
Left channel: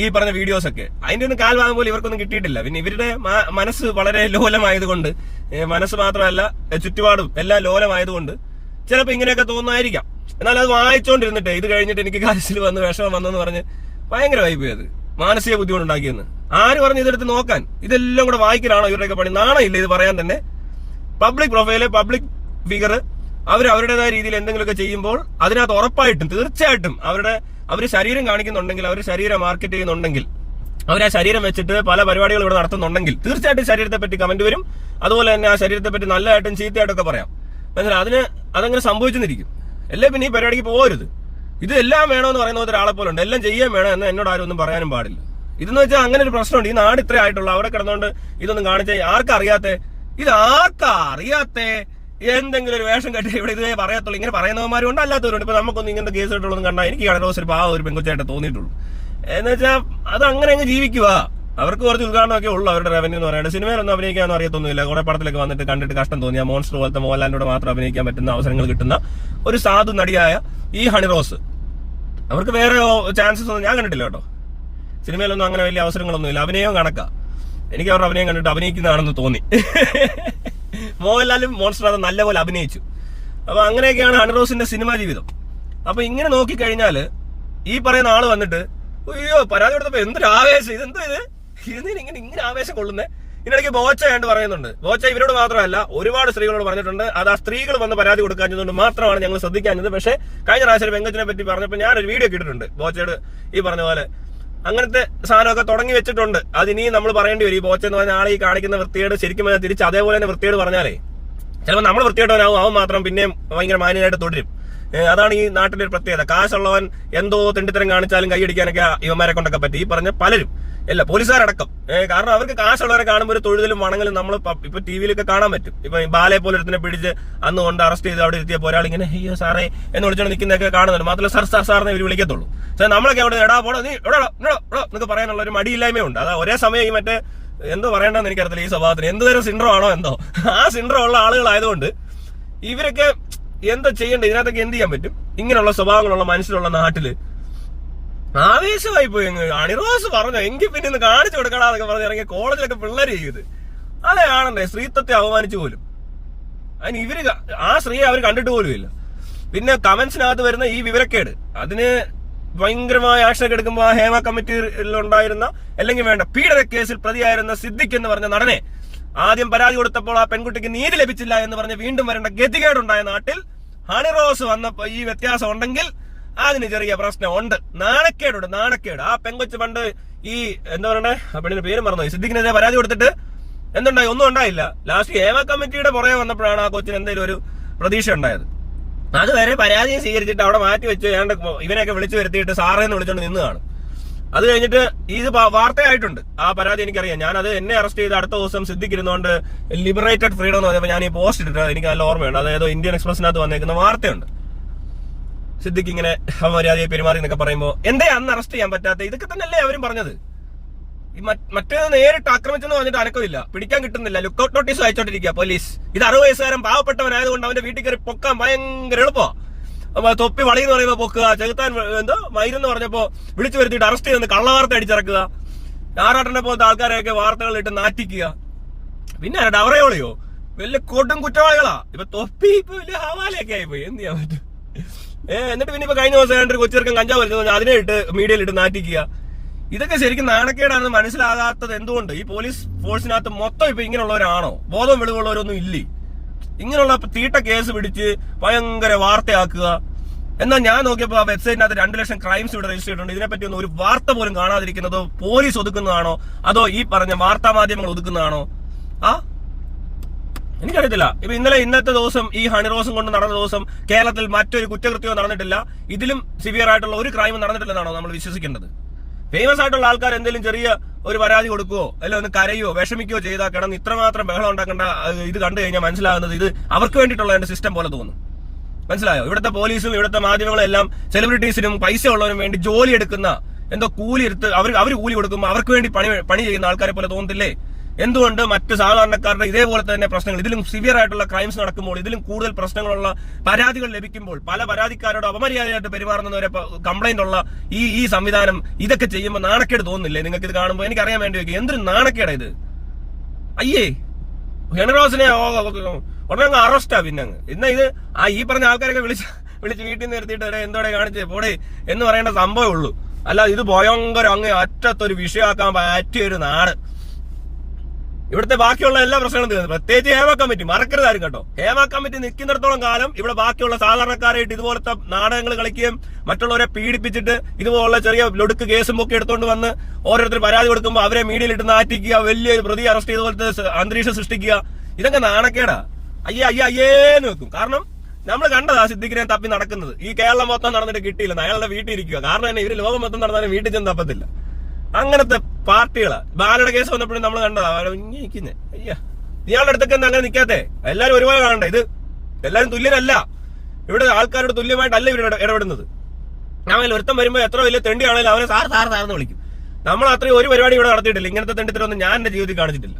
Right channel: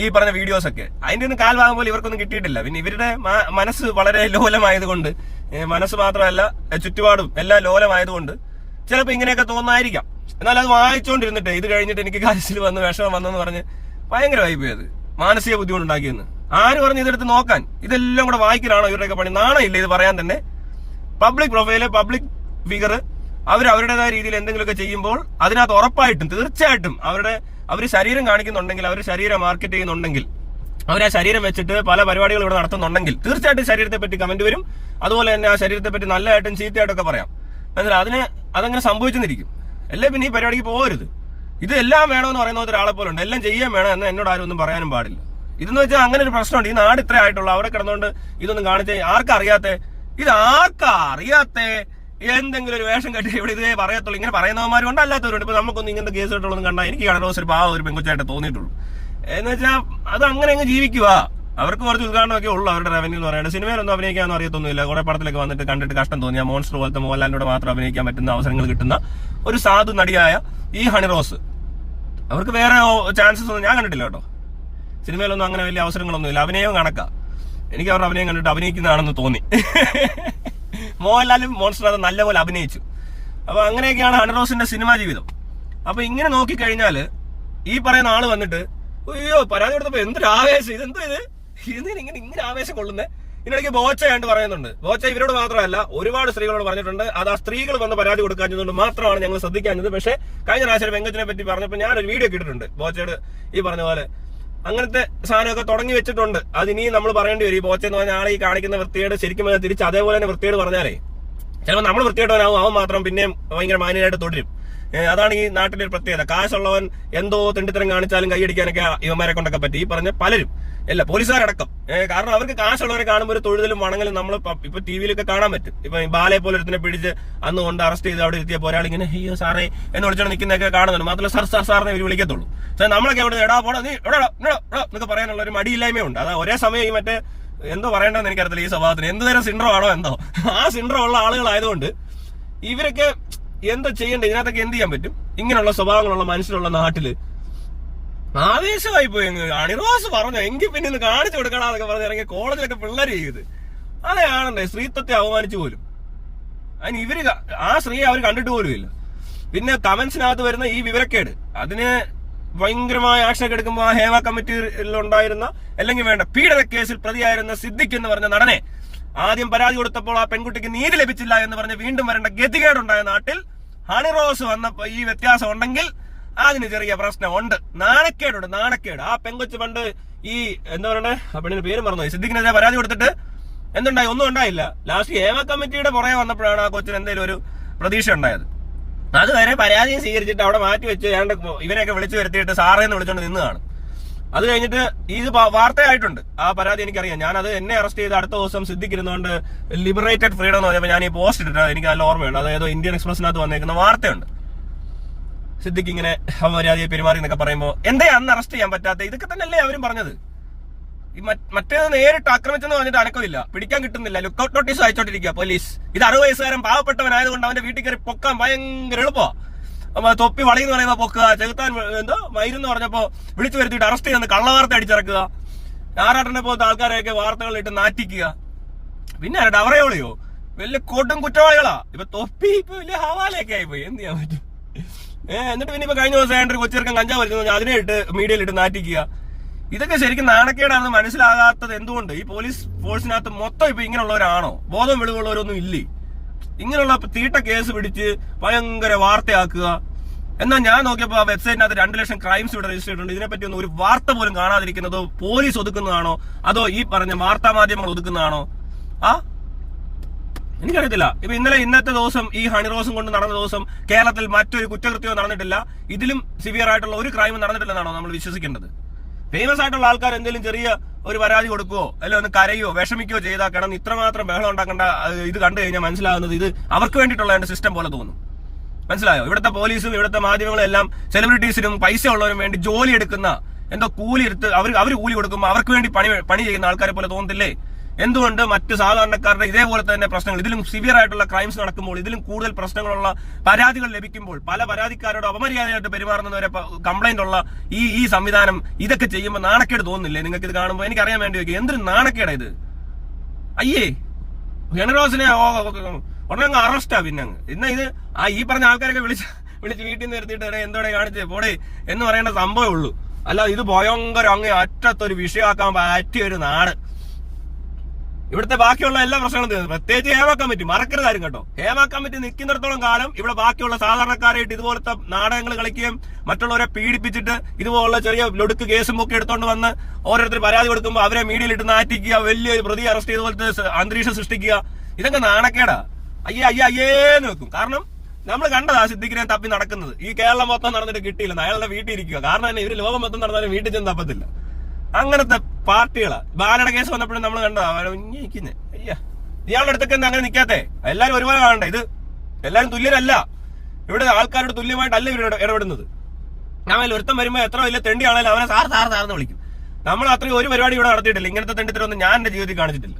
ഈ പറഞ്ഞ വീഡിയോസ് ഒക്കെ. അതിന്റെ ഒന്നും കാൽഭാഗം പോലും ഇവർക്കൊന്നും കിട്ടിയിട്ടില്ല. പിന്നെ ഇവരുടെ മനസ്സ് വളരെ ലോലമായതുകൊണ്ട്, മനസ്സ് മാത്രമല്ല ചുറ്റുപാടും എല്ലാം ലോലമായതുകൊണ്ട് ചിലപ്പോൾ ഇങ്ങനെയൊക്കെ തോന്നായിരിക്കാം. എന്നാൽ അത് വായിച്ചുകൊണ്ടിരുന്നിട്ട് ഇത് കഴിഞ്ഞിട്ട് എനിക്ക് കാര്യത്തിൽ വന്ന് വിഷമം വന്നെന്ന് പറഞ്ഞ് ഭയങ്കരമായി പോയത്, മാനസിക ബുദ്ധിമുട്ടുണ്ടാക്കിയെന്ന്. ആര് പറഞ്ഞ് ഇതെടുത്ത് നോക്കാൻ? ഇതെല്ലാം കൂടെ വായിക്കലാണോ ഇവരുടെയൊക്കെ പണി? നാണമില്ല ഇത് പറയാൻ തന്നെ. പബ്ലിക് പ്രൊഫൈല്, പബ്ലിക് ഫിഗർ അവരുടേതായ രീതിയിൽ എന്തെങ്കിലുമൊക്കെ ചെയ്യുമ്പോൾ അതിനകത്ത് ഉറപ്പായിട്ടും തീർച്ചയായിട്ടും അവർ ശരീരം കാണിക്കുന്നുണ്ടെങ്കിൽ, അവർ ശരീരം മാർക്കറ്റ് ചെയ്യുന്നുണ്ടെങ്കിൽ, അവർ ആ ശരീരം വെച്ചിട്ട് പല പരിപാടികൾ ഇവിടെ നടത്തുന്നുണ്ടെങ്കിൽ തീർച്ചയായിട്ടും ശരീരത്തെ പറ്റി കമന്റ് വരും. അതുപോലെ തന്നെ ആ ശരീരത്തെ പറ്റി നല്ലതായിട്ടും ചീത്തയായിട്ടൊക്കെ പറയാം. എന്നാൽ അതങ്ങനെ സംഭവിച്ചെന്നിരിക്കും. അല്ലേ പിന്നെ ഈ പരിപാടിക്ക് പോകരുത്. ഇത് എല്ലാം വേണമെന്ന് പറയുന്ന ഒരാളെ പോലെ ഉണ്ട്, എല്ലാം ചെയ്യാൻ വേണം എന്ന് എന്നോട് ആരും ഒന്നും പറയാനും പാടില്ല. ഇതെന്ന് വെച്ചാൽ അങ്ങനെ ഒരു പ്രശ്നമുണ്ട്. ഈ നാട് ഇത്ര ആയിട്ടുള്ള അവിടെ കിടന്നുകൊണ്ട് ഇതൊന്നും കാണിച്ച ആർക്കറിയാത്ത എന്തെങ്കിലും ഒരു വേഷം കെട്ടി ഇവിടെ ഇതേ പറയത്തുള്ളൂ. ഇങ്ങനെ പറയുന്നവന്മാരുണ്ട്, അല്ലാത്തവരുണ്ട്. ഇപ്പൊ നമുക്കൊന്നും ഇങ്ങനത്തെ കേസ് കിട്ടുള്ളൂ കണ്ടാൽ എനിക്ക് ഹണിറോസ് ഒരു പാവം ഒരു പെങ്കൊച്ചായിട്ട് തോന്നിയിട്ടുള്ളൂ. എന്ന് വെച്ചാൽ അത് അങ്ങനെ അങ്ങ് ജീവിക്കുക. അവർക്ക് കുറച്ച് ഉദ്ഘാടനമൊക്കെ ഉള്ളൂ അവരുടെ റവന്യൂ എന്ന് പറയുന്നത്. സിനിമയിലൊന്നും അഭിനയിക്കാനൊന്നും അറിയത്തൊന്നുമില്ല. കുറെ പടത്തിലൊക്കെ വന്നിട്ട് കണ്ടിട്ട് കഷ്ടം തോന്നിയ മോൺസ്റ്റർ പോലത്തെ മോഹൻലാലിനോട് മാത്രം അഭിനയിക്കാൻ പറ്റുന്ന അവസരങ്ങൾ കിട്ടുന്ന ഒരു സാധു നടിയായ ഈ ഹണിറോസ്, അവർക്ക് വേറെ ചാൻസസ് ഒന്നും ഞാൻ കണ്ടിട്ടില്ല കേട്ടോ. സിനിമയിലൊന്നും അങ്ങനെ വലിയ അവസരങ്ങളൊന്നുമില്ല. അഭിനയവും കണക്കാ. എനിക്ക് അവരുടെ അഭിനയം കണ്ടിട്ട് അഭിനയിക്കുന്നതാണെന്ന് തോന്നി. മോഹൻലാലും മോൺസ്റ്റർ അത് നല്ലപോലെ അഭിനയിച്ചു. അപ്പൊ അങ്ങനെയൊക്കെയാണ് ഹണിറോസിന്റെ സിനിമാ ജീവിതം. അപ്പൊ ഇങ്ങനെ നോക്കിക്കഴിഞ്ഞാല് ഈ പറയുന്ന ആള് വന്നിട്ട് അയ്യോ പരാതി കൊടുത്തപ്പോ എന്തൊരു ആവേശം, ഇതെന്തോ ഇങ്ങനെ ആവേശം കൊള്ളുന്നേ. ഇതിനിടയ്ക്ക് ബോച്ച കണ്ട് പറയുന്നുണ്ട്. ബോച്ച ഇവരോട് മാത്രമല്ല ഒരുപാട് സ്ത്രീകളോട് പറഞ്ഞിട്ടുണ്ട്. അത് ആ സ്ത്രീകൾ വന്ന് പരാതി കൊടുക്കാഞ്ഞതുകൊണ്ട് മാത്രമാണ് ഞങ്ങൾ ശ്രദ്ധിക്കാഞ്ഞത്. പക്ഷേ കഴിഞ്ഞ പ്രാവശ്യം വെങ്കച്ചിനെ പറ്റി പറഞ്ഞപ്പോൾ ഞാനൊരു വീഡിയോ ഇട്ടിട്ടുണ്ട്. ബോച്ചയോട് ഈ പറഞ്ഞ പോലെ അങ്ങനത്തെ സാധനമൊക്കെ തുടങ്ങി വെച്ചിട്ടുണ്ട്. അതിനി നമ്മൾ പറയേണ്ടി വരും. ഈ ബോച്ച എന്ന് പറഞ്ഞ ആളെ ഈ കാണിക്കുന്ന വൃത്തിയോട് ശരിക്കും തിരിച്ച് അതേപോലെ തന്നെ വൃത്തിയോട് പറഞ്ഞാലേ ചിലപ്പോൾ നമ്മൾ വൃത്തിയോട്ടവനാവും, അവൻ മാത്രം പിന്നെയും ഭയങ്കര മാന്യനായിട്ട് തുടരും. അതാണ് ഈ നാട്ടിലെ ഒരു പ്രത്യേകത. കാശുള്ളവൻ എന്തോ തെണ്ടിത്തരം കാണിച്ചാലും കൈയടിക്കാനൊക്കെ ഇവന്മാരെ കൊണ്ടൊക്കെ പറ്റി. ഈ പറഞ്ഞ പലരും, എല്ലാ പോലീസുകാരടക്കം. കാരണം അവർക്ക് കാശുള്ളവരെ കാണുമ്പോൾ ഒരു തൊഴുതലും വണങ്ങലും നമ്മൾ ഇപ്പൊ ടി വിയിലൊക്കെ കാണാൻ പറ്റും. ഇപ്പൊ ബാലെ പോലെ ഒരുത്തിനെ പിടിച്ച് അന്ന് കൊണ്ട് അറസ്റ്റ് ചെയ്ത് അവിടെ എത്തിയപ്പോൾ ഒരാൾ ഇങ്ങനെ അയ്യോ സാറേ എന്ന് വിളിച്ചോണ്ട് നിൽക്കുന്നതൊക്കെ കാണുന്നുണ്ട്. മാത്രമല്ല സാർ സാറിനെ ഇവർ വിളിക്കത്തുള്ളൂ. സാർ നമ്മളൊക്കെ അവിടെ എടാ പോടാ നീ എടാ എന്നൊക്കെ പറയാനുള്ള ഒരു മടിയില്ലായ്മയുണ്ട്. അതാ ഒരേ സമയം ഈ മറ്റേ എന്തോ പറയണ്ടെന്ന് എനിക്കറിയത്തില്ല. ഈ സ്വഭാവത്തിന് എന്ത് തരം സിൻഡ്രോ ആണോ എന്തോ ആ സിൻഡ്രോ ഉള്ള ആളുകളായതുകൊണ്ട് ഇവരൊക്കെ എന്താ ചെയ്യേണ്ടത്? ഇതിനകത്തൊക്കെ എന്ത് ചെയ്യാൻ പറ്റും? ഇങ്ങനെയുള്ള സ്വഭാവങ്ങളുള്ള മനുഷ്യരുള്ള നാട്ടില് ആവേശമായി പോയി. ഹണിറോസ് പറഞ്ഞു എങ്കിൽ പിന്നെ ഇന്ന് കാണിച്ചു കൊടുക്കണമെന്നൊക്കെ പറഞ്ഞ് ഇറങ്ങിയ കോളേജിലൊക്കെ പിള്ളേര് ചെയ്ത് അതെ ആണല്ലേ സ്ത്രീത്വത്തെ അവമാനിച്ചു പോലും. അതിന് ഇവര് ആ സ്ത്രീയെ അവർ കണ്ടിട്ട് പോലും ഇല്ല. പിന്നെ കമന്റ്സിനകത്ത് വരുന്ന ഈ വിവരക്കേട്, അതിന് ഭയങ്കരമായ ആക്ഷൻ എടുക്കുമ്പോൾ ആ ഹേമ കമ്മിറ്റിയിലുണ്ടായിരുന്ന അല്ലെങ്കിൽ വേണ്ട പീഡന കേസിൽ പ്രതിയായിരുന്ന സിദ്ദിഖ് എന്ന് പറഞ്ഞ നടനെ ആദ്യം പരാതി കൊടുത്തപ്പോൾ ആ പെൺകുട്ടിക്ക് നീതി ലഭിച്ചില്ല എന്ന് പറഞ്ഞ് വീണ്ടും വരേണ്ട ഗതികേടുണ്ടായ നാട്ടിൽ ഹണിറോസ് വന്നപ്പോ ഈ വ്യത്യാസം ഉണ്ടെങ്കിൽ അതിന് ചെറിയ പ്രശ്നമുണ്ട്. നാണക്കേട്. ആ പെങ്കൊച്ച് പണ്ട് ഈ എന്താ പറയണ്ടേ ആ പെണ്ണിന്റെ പേര് മറന്നു, സിദ്ദിഖിനെതിരെ പരാതി കൊടുത്തിട്ട് എന്തുണ്ടായി? ഒന്നും ഉണ്ടായില്ല. ലാസ്റ്റ് ഹേമ കമ്മിറ്റിയുടെ പുറകെ വന്നപ്പോഴാണ് ആ കൊച്ചിന് എന്തെങ്കിലും ഒരു പ്രതീക്ഷ ഉണ്ടായത്. അതുവരെ പരാതിയും സ്വീകരിച്ചിട്ട് അവിടെ മാറ്റി വെച്ച് ഇവനെയൊക്കെ വിളിച്ചു വരുത്തിയിട്ട് സാറേന്ന് വിളിച്ചോണ്ട് നിന്ന് കാണും. അത് കഴിഞ്ഞിട്ട് ഇത് വാർത്തയായിട്ടുണ്ട്. ആ പരാതി എനിക്കറിയാം. ഞാനത് എന്നെ അറസ്റ്റ് ചെയ്ത് അടുത്ത ദിവസം സിദ്ദിഖിരുന്നുകൊണ്ട് ലിബറേറ്റഡ് ഫ്രീഡം എന്ന് പറഞ്ഞപ്പോൾ ഞാൻ ഈ പോസ്റ്റ് ഇട്ടിട്ട് എനിക്ക് നല്ല ഓർമ്മയുണ്ട്. അതായത് ഇന്ത്യൻ എക്സ്പ്രസിനകത്ത് വന്നേക്കുന്ന വാർത്തയുണ്ട്. സിദ്ദിഖ് ഇങ്ങനെ അപമര്യാദയെ പെരുമാറി എന്നൊക്കെ പറയുമ്പോൾ എന്തേ അന്ന് അറസ്റ്റ് ചെയ്യാൻ പറ്റാത്ത? ഇതൊക്കെ തന്നെയല്ലേ അവരും പറഞ്ഞത്. ഈ മറ്റേത് നേരിട്ട് ആക്രമിച്ചെന്ന് പറഞ്ഞിട്ട് അനക്കമില്ല, പിടിക്കാൻ കിട്ടുന്നില്ല, ലുക്കൌട്ട് നോട്ടീസ് അയച്ചോണ്ടിരിക്കുക പോലീസ്. ഇത് 60 വയസ്സുകാരൻ പാവപ്പെട്ടവനായതുകൊണ്ട് അവന്റെ വീട്ടിൽ കയറി പൊക്കാൻ ഭയങ്കര എളുപ്പമാണ്. തൊപ്പി വളി എന്ന് പറയുമ്പോൾ പൊക്കുക, ചെകുത്താൻ എന്തോ മയിരെന്ന് പറഞ്ഞപ്പോ വിളിച്ചു വരുത്തിയിട്ട് അറസ്റ്റ് ചെയ്യുന്ന കള്ളവാർത്ത അടിച്ചിറക്കുക, ആറാട്ടനെ പോലത്തെ ആൾക്കാരെയൊക്കെ വാർത്തകളിട്ട് നാറ്റിക്കുക. പിന്നെ ഡവറയോളിയോ വലിയ കൊടും കുറ്റവാളികളാ. ഇപ്പൊ തൊപ്പി ഇപ്പൊ വലിയ ഹവാലയൊക്കെ ആയിപ്പോയി. എന്ത് ചെയ്യാൻ പറ്റും? എന്നിട്ട് പിന്നെ ഇപ്പൊ കഴിഞ്ഞ ദിവസം ഒരു കൊച്ചിറക്കം കഞ്ചാവ് വലിച്ചു അതിനെ ഇട്ട് മീഡിയയിലിട്ട് നാറ്റിക്കുക. ഇതൊക്കെ ശരിക്കും നാണക്കേടാണെന്ന് മനസ്സിലാകാത്തത് എന്തുകൊണ്ട്? ഈ പോലീസ് ഫോഴ്സിനകത്ത് മൊത്തം ഇപ്പൊ ഇങ്ങനെയുള്ളവരാണോ? ബോധം വെളിവുള്ളവരൊന്നും ഇല്ലേ? ഇങ്ങനെയുള്ള തീട്ട കേസ് പിടിച്ച് ഭയങ്കര വാർത്തയാക്കുക. എന്നാൽ ഞാൻ നോക്കിയപ്പോ ആ വെബ്സൈറ്റിനകത്ത് 2 ലക്ഷം ക്രൈംസ് ഇവിടെ രജിസ്റ്റർ ചെയ്തിട്ടുണ്ട്. ഇതിനെപ്പറ്റി ഒന്നും ഒരു വാർത്ത പോലും കാണാതിരിക്കുന്നതോ പോലീസ് ഒതുക്കുന്നതാണോ അതോ ഈ പറഞ്ഞ വാർത്താ മാധ്യമങ്ങൾ ഒതുക്കുന്നതാണോ? എനിക്കറിയത്തില്ല. ഇപ്പൊ ഇന്നത്തെ ദിവസം ഈ ഹണിറോസും കൊണ്ട് നടന്ന ദിവസം കേരളത്തിൽ മറ്റൊരു കുറ്റകൃത്യവും നടന്നിട്ടില്ല. ഇതിലും സിവിയർ ആയിട്ടുള്ള ഒരു ക്രൈമും നടന്നിട്ടില്ലെന്നാണോ നമ്മൾ വിശ്വസിക്കേണ്ടത്? ഫേമസ് ആയിട്ടുള്ള ആൾക്കാർ എന്തെങ്കിലും ചെറിയ ഒരു പരാതി കൊടുക്കുകയോ അല്ലെ ഒന്ന് കരയോ വിഷമിക്കുകയോ ചെയ്താൽ കിടന്ന് ഇത്രമാത്രം ബഹളം ഉണ്ടാക്കേണ്ട ഇത് കണ്ടു കഴിഞ്ഞാൽ മനസ്സിലാകുന്നത് ഇത് അവർക്ക് വേണ്ടിയിട്ടുള്ള സിസ്റ്റം പോലെ തോന്നും. മനസ്സിലായോ? ഇവിടുത്തെ പോലീസും ഇവിടുത്തെ മാധ്യമങ്ങളും എല്ലാം സെലിബ്രിറ്റീസിനും പൈസ ഉള്ളവരും വേണ്ടി ജോലി എടുക്കുന്ന, എന്തോ കൂലി എടുത്ത് അവർ കൂലി കൊടുക്കുമ്പോൾ അവർക്ക് വേണ്ടി പണി ചെയ്യുന്ന ആൾക്കാരെ പോലെ തോന്നത്തില്ലേ? എന്തുകൊണ്ട് മറ്റ് സാധാരണക്കാരുടെ ഇതേപോലെ തന്നെ പ്രശ്നങ്ങൾ, ഇതിലും സിവിയർ ആയിട്ടുള്ള ക്രൈംസ് നടക്കുമ്പോൾ, ഇതിലും കൂടുതൽ പ്രശ്നങ്ങളുള്ള പരാതികൾ ലഭിക്കുമ്പോൾ, പല പരാതിക്കാരോട് അപമര്യാദയായിട്ട് പെരുമാറുന്നവരെ കംപ്ലൈന്റ് ഉള്ള ഈ സംവിധാനം ഇതൊക്കെ ചെയ്യുമ്പോൾ നാണക്കേട് തോന്നുന്നില്ലേ നിങ്ങൾക്ക്? ഇത് കാണുമ്പോൾ എനിക്കറിയാൻ വേണ്ടി വയ്ക്കുക, എന്തൊരു നാണക്കേടാ ഇത്. അയ്യേ, ഹെനറോസിനെ ഉടനെ അങ്ങ് അറസ്റ്റാ. പിന്നെ ഇന്ന് ഇത് ഈ പറഞ്ഞ ആൾക്കാരൊക്കെ വിളിച്ച് വീട്ടിൽ നിന്ന് നിർത്തിയിട്ട് എന്തോടെ കാണിച്ചേ പോടെ എന്ന് പറയേണ്ട സംഭവമേ ഉള്ളൂ. അല്ല, ഇത് ഭയങ്കര അങ്ങ് അറ്റത്തൊരു വിഷയമാക്കാൻ പറ്റിയ ഒരു നാട്. ഇവിടുത്തെ ബാക്കിയുള്ള എല്ലാ പ്രശ്നങ്ങളും തീർന്നു. പ്രത്യേകിച്ച് ഹേമ കമ്മിറ്റി മറക്കരുതാരും കേട്ടോ. ഹേമ കമ്മിറ്റി നിൽക്കുന്നിടത്തോളം കാലം ഇവിടെ ബാക്കിയുള്ള സാധാരണക്കാരായിട്ട് ഇതുപോലത്തെ നാടകങ്ങൾ കളിക്കുകയും മറ്റുള്ളവരെ പീഡിപ്പിച്ചിട്ട് ഇതുപോലുള്ള ചെറിയ ലൊടുക്ക് കേസും ഒക്കെ എടുത്തുകൊണ്ട് വന്ന് ഓരോരുത്തർ പരാതി കൊടുക്കുമ്പോൾ അവരെ മീഡിയയിലിട്ട് നാറ്റിക്കുക, വലിയൊരു പ്രതി അറസ്റ്റ് ചെയ്തുപോലത്തെ അന്തരീക്ഷം സൃഷ്ടിക്കുക, ഇതൊക്കെ നാണക്കേടാ. അയ്യേന്ന് വെക്കും. കാരണം നമ്മൾ കണ്ടതാ സിദ്ദിഖിനെ തപ്പി നടക്കുന്നത്. ഈ കേരളം മൊത്തം നടന്നിട്ട് കിട്ടിയില്ല, അയാളുടെ വീട്ടിൽ ഇരിക്കുക. കാരണം തന്നെ ഇവര് ലോകം മൊത്തം നടന്നാലും വീട്ടിൽ ചെന്ന് തപ്പത്തില്ല. അങ്ങനത്തെ പാർട്ടികളാ. ബാലയുടെ കേസ് വന്നപ്പോഴും നമ്മൾ കണ്ടതാ ഇരിക്കുന്നേ. ഇയാളുടെ അടുത്തൊക്കെ അങ്ങനെ നിൽക്കാത്തെ. എല്ലാരും ഒരുപോലെ കാണണ്ടേ? ഇത് എല്ലാരും തുല്യരല്ല. ഇവിടെ ആൾക്കാരോട് തുല്യമായിട്ടല്ല ഇവർ ഇടപെടുന്നത്. ഞാൻ ഒരുത്തം വരുമ്പോ എത്ര വലിയ തെണ്ടിയാണെങ്കിലും അവനെ സാറെന്ന് വിളിക്കും. നമ്മൾ അത്രയും ഒരു പരിപാടി ഇവിടെ നടത്തിയിട്ടില്ല. ഇങ്ങനത്തെ തെണ്ടിത്തരൊന്നും ഞാൻ എന്റെ ജീവിതത്തിൽ കാണിച്ചിട്ടില്ല.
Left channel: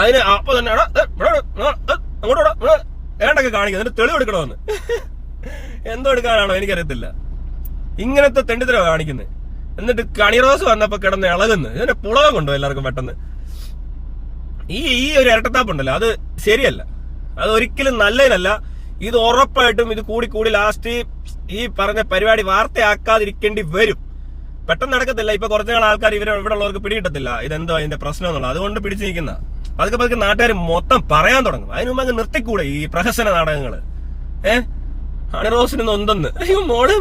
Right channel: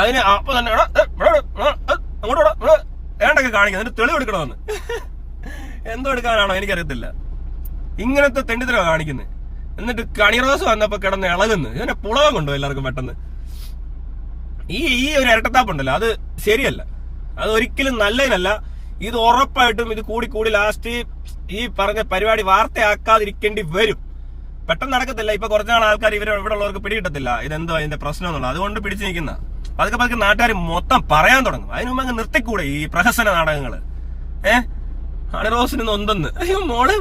അതിന് അപ്പൊ തന്നെ അങ്ങോട്ടോ വേണ്ടൊക്കെ കാണിക്കും, എന്നിട്ട് തെളിവ് എടുക്കണമെന്ന്. എന്തോ എടുക്കാനാണോ എനിക്കറിയത്തില്ല. ഇങ്ങനത്തെ തെണ്ടിത്തരമാണ് കാണിക്കുന്നത്. എന്നിട്ട് കണിറോസ് വന്നപ്പോ കിടന്ന് ഇളകുന്നു. ഇതിന്റെ പുളകം കൊണ്ടോ എല്ലാവർക്കും പെട്ടെന്ന്. ഈ ഒരു ഇരട്ടത്താപ്പുണ്ടല്ലോ, അത് ശരിയല്ല. അത് ഒരിക്കലും നല്ലതിനല്ല. ഇത് ഉറപ്പായിട്ടും ഇത് കൂടി ലാസ്റ്റ് ഈ പറഞ്ഞ പരിപാടി വാർത്തയാക്കാതിരിക്കേണ്ടി വരും. പെട്ടെന്ന് നടക്കത്തില്ല. ഇപ്പൊ കുറച്ചുനാൾ ആൾക്കാർ ഇവിടെ ഉള്ളവർക്ക് പിടികിട്ടത്തില്ല ഇതെന്തോ അതിന്റെ പ്രശ്നം എന്നുള്ളത്. അതുകൊണ്ട് പിടിച്ചു നിൽക്കുന്ന പതുക്കെ നാട്ടുകാർ മൊത്തം പറയാൻ തുടങ്ങും. അതിനു മുമ്പ് അങ്ങ് നിർത്തിക്കൂടെ ഈ പ്രഹസന നാടകങ്ങള്? ഹണിറോസിന് നൊന്തെന്ന്. അയ്യോ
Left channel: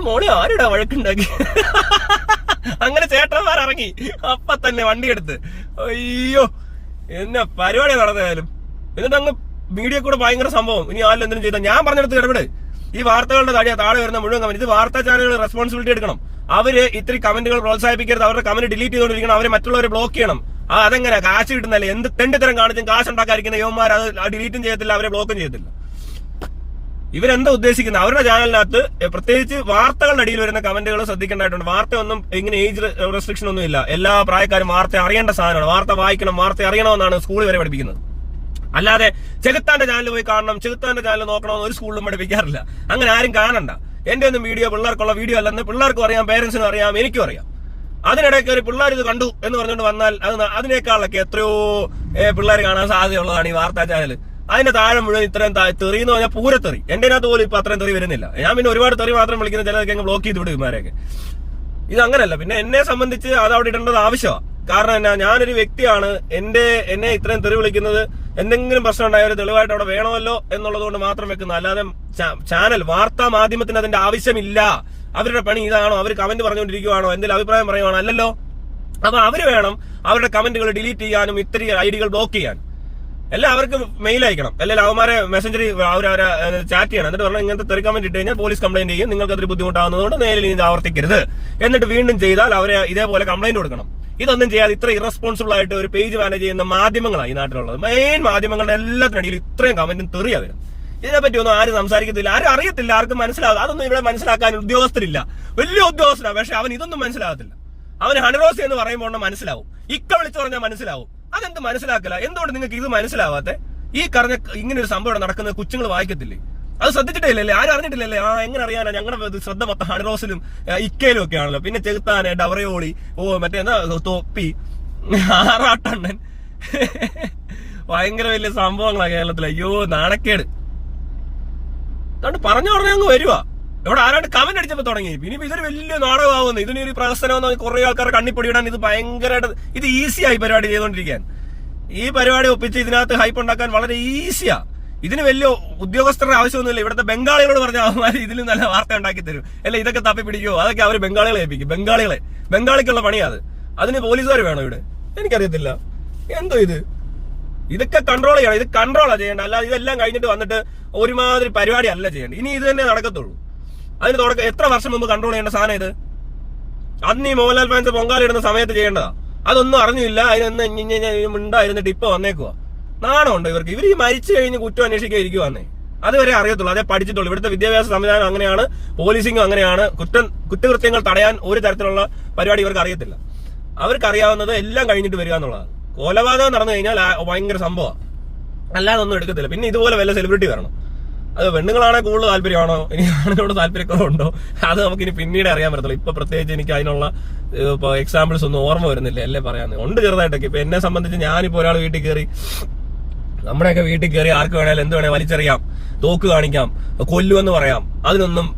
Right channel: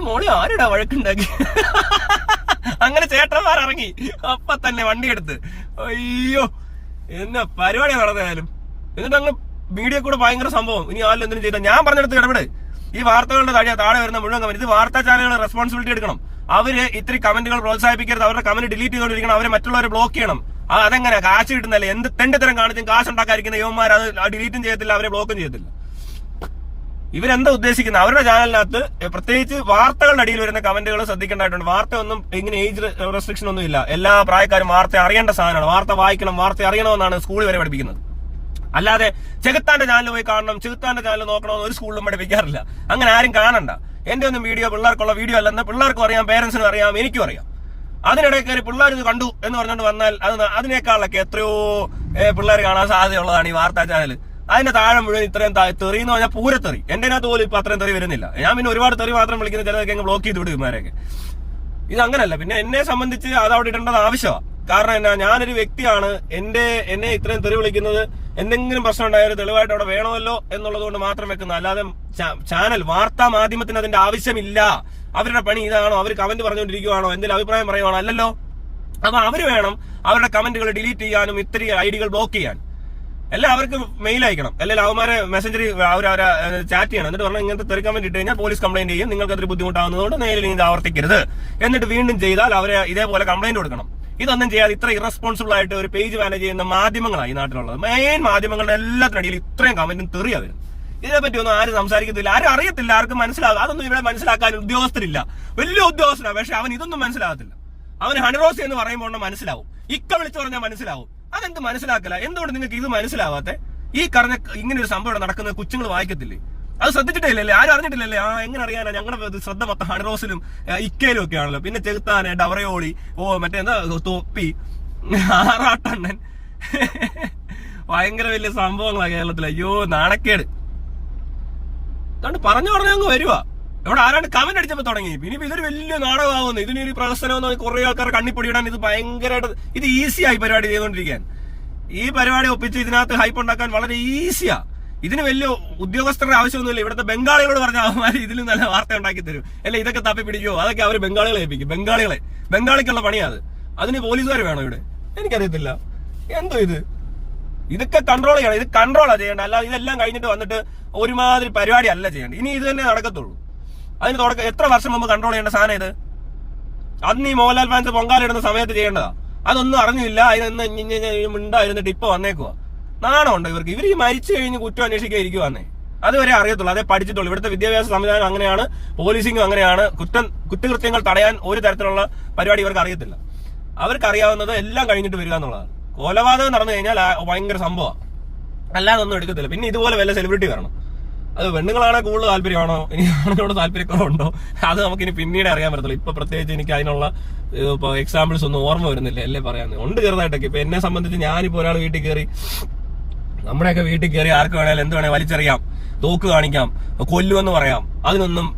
മോളെ ആരുടെ വഴക്കുണ്ടാക്കി? അങ്ങനെ ചേട്ടന്മാർ ഇറങ്ങി അപ്പൊ തന്നെ വണ്ടി എടുത്ത്. അയ്യോ, എന്നാ പരിപാടി നടന്നാലും. എന്നിട്ട് അങ്ങ് മീഡിയ കൂടെ ഭയങ്കര സംഭവം. ഇനി ആരും എന്തിനും ചെയ്താൽ ഞാൻ പറഞ്ഞെടുത്ത് ഇടപെട്. ഈ വാർത്തകളുടെ താഴെ വരുന്ന മുഴുവൻ കമന്റ്, ഇത് വാർത്താ ചാനലുകൾ റെസ്പോൺസിബിലിറ്റി എടുക്കണം. അവര് ഇത്തിരി കമന്റുകൾ പ്രോത്സാഹിപ്പിക്കരുത്. അവരുടെ കമന്റ് ഡിലീറ്റ് ചെയ്തുകൊണ്ടിരിക്കണം. അവരെ മറ്റുള്ളവരെ ബ്ലോക്ക് ചെയ്യണം. അതെങ്ങനെ കാശ് കിട്ടുന്നല്ലേ? എന്ത് തെണ്ടിത്തരം കാണിച്ചും കാശ് ഉണ്ടാക്കാതിരിക്കുന്ന യുവന്മാർ അത് ഡിലീറ്റും ചെയ്യത്തില്ല, അവരെ ബ്ലോക്കും ചെയ്യത്തില്ല. ഇവരെന്താ ഉദ്ദേശിക്കുന്നത്? അവരുടെ ചാനലിനകത്ത് പ്രത്യേകിച്ച് വാർത്തകളുടെ അടിയിൽ വരുന്ന കമന്റുകൾ ശ്രദ്ധിക്കേണ്ടതായിട്ടുണ്ട്. വാർത്ത ഒന്നും ഇങ്ങനെ ഏജ് റെസ്ട്രിക്ഷൻ ഒന്നും ഇല്ല. എല്ലാ പ്രായക്കാരും വാർത്ത അറിയേണ്ട സാധനമാണ്. വാർത്ത വായിക്കണം, വാർത്ത അറിയണമെന്നാണ് സ്കൂളിൽ വരെ പഠിപ്പിക്കുന്നത്. അല്ലാതെ ചെകുത്താന്റെ ചാനൽ പോയി കാണണം, ചെകുത്താന്റെ ചാനൽ നോക്കണമെന്ന് ഒരു സ്കൂളിലും പഠിപ്പിക്കാറില്ല. അങ്ങനെ ആരും കാണണ്ട. എന്റെ ഒന്നും വീഡിയോ പിള്ളേർക്കുള്ള വീഡിയോ അല്ലെന്ന് പിള്ളേർക്കും അറിയാം, പേരൻസിനും അറിയാം, എനിക്കും അറിയാം. അതിനിടയ്ക്ക് ഒരു പിള്ളേർ ഇത് കണ്ടു എന്ന് പറഞ്ഞുകൊണ്ട് വന്നാൽ അതിനേക്കാളൊക്കെ എത്രയോ പിള്ളേർ കാണാൻ സാധ്യതയുള്ളതാണ് ഈ വാർത്താ ചാനൽ. അതിന്റെ താഴെ മുഴുവൻ ഇത്രയും തെറി എന്ന് പറഞ്ഞാൽ പൂരത്തെറി. എന്റെ അതിനകത്ത് പോലും ഇപ്പൊ അത്രയും തെറി വരുന്നില്ല. ഞാൻ പിന്നെ ഒരുപാട് തെറി മാത്രം വിളിക്കുന്ന ചിലതൊക്കെ ബ്ലോക്ക് ചെയ്ത് വിടും ഇമാരെയൊക്കെ. ഇത് അങ്ങനല്ല. പിന്നെ എന്നെ സംബന്ധിച്ച് അത് അവിടെ ഇടേണ്ടത് ആവശ്യമാണ്. കാരണം എന്നാ, ഞാനൊരു വ്യക്തിയാണ്. എന്നെ ഇത്രയും തെറി വിളിക്കുന്നത് എന്തെങ്കിലും പ്രശ്നം ഉണ്ടായ ഒരു തെളിവായിട്ട് അവിടെ വേണമല്ലോ എന്നുള്ളത് കൊണ്ട് മാത്രം വെക്കുന്നത്. അല്ലാതെ ചാനൽ വാർത്താ മാധ്യമത്തിന് അതിന്റെ ആവശ്യമില്ല. അവരുടെ പണി ഇതാണോ? അവർ കമന്റ് പറഞ്ഞുകൊണ്ടിരിക്കുവാണോ? എന്തെങ്കിലും അഭിപ്രായം പറയുവാണോ? അല്ലല്ലോ. അപ്പൊ അവര് വേണം അവരുടെ കമന്റുകൾ ഡിലീറ്റ് ചെയ്യാനും ഇത്രയും ഐഡികൾ ബ്ലോക്ക് ചെയ്യാൻ. എല്ലാം അവർക്ക് മെയിൽ അയക്കണം, അല്ലെങ്കിൽ അവന്മാരെ മെസ്സഞ്ചറി അവരെ ചാറ്റ് ചെയ്യണം. എന്നിട്ട് പറഞ്ഞാൽ ഇങ്ങനത്തെ തെറി കമന്റ് ഇട്ട് കഴിഞ്ഞാൽ പോലീസ് കംപ്ലൈന്റ് ചെയ്യും, നിങ്ങൾക്ക് അതൊരു ബുദ്ധിമുട്ടാകുന്നതുകൊണ്ട് നേരിൽ ഇത് ആവർത്തിക്കരുത്. എന്നിട്ട് വീണ്ടും ചെയ്താൽ അവരെ ഇതേപോലെ കംപ്ലൈന്റ് കൊടുക്കണം. ഇതൊന്നും ചെയ്യാതെ ഇത്ര ഇറസ്പോൺസിബിൾ ആയിട്ട് ഒരു പേജ് മാനേജ് ചെയ്യുന്ന മാധ്യമങ്ങളാണ് ഈ നാട്ടിലുള്ളത്. മെയിൻ മാധ്യമങ്ങളുടെ എല്ലാത്തിനടിയിൽ ഇത്രയും കമന്റും തെറിയാ വരും. ഇതിനെപ്പറ്റി ഒന്നും ആരും സംസാരിക്കത്തില്ല, ആരും അറിയത്തില്ല, ആർക്കും മനസ്സിലാകും. അതൊന്നും ഇവിടെ മനസ്സിലാക്കാൻ ഉദ്യോഗസ്ഥരില്ല. വലിയ ഉദ്യോഗസ്ഥനാണ്, പക്ഷെ അവൻ ഇതൊന്നും മനസ്സിലാകത്തില്ല. അവന് ഹണിറോസ് എന്ന് പറയുമ്പോൾ മനസ്സിലാവും, ഇക്ക വിളിച്ചു പറഞ്ഞാൽ മനസ്സിലാവും. അതെന്ത് മനസ്സിലാക്കില്ല? എന്തുകൊണ്ട് നിങ്ങൾക്ക് ഇത് മനസ്സിലാവാത്തെ? ഈ പറഞ്ഞ ഇങ്ങനെ ഒരു സംഭവം നടക്കുന്നത് കൊച്ചുങ്ങൾ വായിക്കത്തില്ലേ? അത് ശ്രദ്ധിച്ചിട്ടില്ലല്ലേ? ആരും അറിഞ്ഞിട്ടില്ലല്ലേ? എങ്ങനെ അറിയാനാ? ഞങ്ങളുടെ ശ്രദ്ധ മൊത്തം ഹണിറോസിലും ഇക്കയിലും ഒക്കെ ആണല്ലോ. പിന്നെ ചെകുത്താന്, ഡവറയോളി, മറ്റേന്താ തൊപ്പി, ആറാട്ടണ്ണൻ, ഭയങ്കര വലിയ സംഭവങ്ങളാണ് കേരളത്തിൽ. അയ്യോ, നാണക്കേട്. അതുകൊണ്ട് പറഞ്ഞു പറഞ്ഞ അങ്ങ് വരുവാ. ഇവിടെ ആരാണ്ട് കമന്റ് അടിച്ചപ്പോ തുടങ്ങി. ഇനിയിപ്പോ ഇതൊരു വലിയ നാടകമാകുന്നു, ഇതിനൊരു പ്രഹസനം, കുറെ ആൾക്കാരെ കണ്ണിപ്പൊടിയിടാൻ ഇത് ഭയങ്കരമായിട്ട് ഇത് ഈസിയായി പരിപാടി ചെയ്തുകൊണ്ടിരിക്കാൻ. ഈ പരിപാടി ഒപ്പിച്ച് ഇതിനകത്ത് ഹൈപ്പ് ഉണ്ടാക്കാൻ വളരെ ഈസിയാ. ഇതിന് വലിയ ഉദ്യോഗസ്ഥരുടെ ആവശ്യമൊന്നുമില്ല. ഇവിടുത്തെ ബംഗാളികളോട് പറഞ്ഞാൽ അവന്മാർ ഇതിലും നല്ല വാർത്ത ഉണ്ടാക്കി തരും. അല്ലെ ഇതൊക്കെ തപ്പി പിടിക്കുമോ? അതൊക്കെ അവർ ബംഗാളികളെ ഏൽപ്പിക്കും. ബംഗാളിക്കുള്ള പണിയാ അത്. അതിന് പോലീസുകാർ വേണോ ഇവിടെ? എനിക്കറിയത്തില്ല. എന്തോ ഇതൊക്കെ കൺട്രോൾ ചെയ്യണം. ഇത് കൺട്രോളാ ചെയ്യേണ്ട. അല്ലാതെ ഇതെല്ലാം കഴിഞ്ഞിട്ട് വന്നിട്ട് ഒരുമാതിരി പരിപാടി അല്ല ചെയ്യേണ്ടത്. ഇനി ഇത് തന്നെ നടക്കത്തുള്ളൂ. അതിന് തുടക്കം എത്ര വർഷം മുമ്പ് കൺട്രോൾ ചെയ്യേണ്ട സാധനം ഇത്. അന്ന് ഈ മോഹൻലാൽ ഫാൻസ് പൊങ്കാലിടുന്ന സമയത്ത് ചെയ്യേണ്ടതാ. അതൊന്നും അറിഞ്ഞില്ല. അതിനൊന്ന് മിണ്ടായിരുന്നിട്ട് ഇപ്പൊ വന്നേക്കുവാ. നാണമുണ്ടോ ഇവർക്ക്? ഇവർ ഈ മരിച്ചു കഴിഞ്ഞ് കുറ്റം അന്വേഷിക്കാൻ ഇരിക്കുവാന്നേ. അതുവരെ അറിയത്തുള്ളൂ, അതേ പഠിച്ചിട്ടുള്ളൂ. ഇവിടുത്തെ വിദ്യാഭ്യാസ സംവിധാനം അങ്ങനെയാണ്, പോലീസിംഗും അങ്ങനെയാണ്. കുറ്റകൃത്യങ്ങൾ തടയാൻ ഒരു തരത്തിലുള്ള പരിപാടി ഇവർക്ക് അറിയത്തില്ല. അവർക്ക് അറിയാവുന്നത് എല്ലാം കഴിഞ്ഞിട്ട് വരിക എന്നുള്ളതാണ്. കൊലപാതകം നടന്നു കഴിഞ്ഞാൽ ഭയങ്കര സംഭവമാണ്, അല്ലാതെ ഒന്നും എടുക്കത്തില്ല. പിന്നെ ഇതുപോലെ വല്ല സെലിബ്രിറ്റി വരണം. അത് പെണ്ണുങ്ങളാണെ കൂടുതൽ താല്പര്യമാണോ, ഇനി ആണുങ്ങളോട് താല്പര്യക്കുറവുണ്ടോ, അത് നമുക്കിനി പിന്നീട് അറിയാൻ പറ്റത്തുള്ളൂ. ഇപ്പൊ പ്രത്യേകിച്ച് എനിക്ക് അതിനുള്ള എക്സാമ്പിൾസ് ഒന്നും ഓർമ്മ വരുന്നില്ല, അല്ലേ പറയാൻ ഉണ്ട് ചെറുതായിട്ടൊക്കെ. ഇപ്പൊ എന്നെ സംബന്ധിച്ച് ഞാനിപ്പോ ഒരാൾ വീട്ടിൽ കയറി, നമ്മുടെയൊക്കെ വീട്ടിൽ കയറി ആർക്ക് വേണേലും എന്ത് വേണേലും വലിച്ചെറിയാം, തോക്ക് കാണിക്കാം, കൊല്ലുമെന്ന് പറയാം.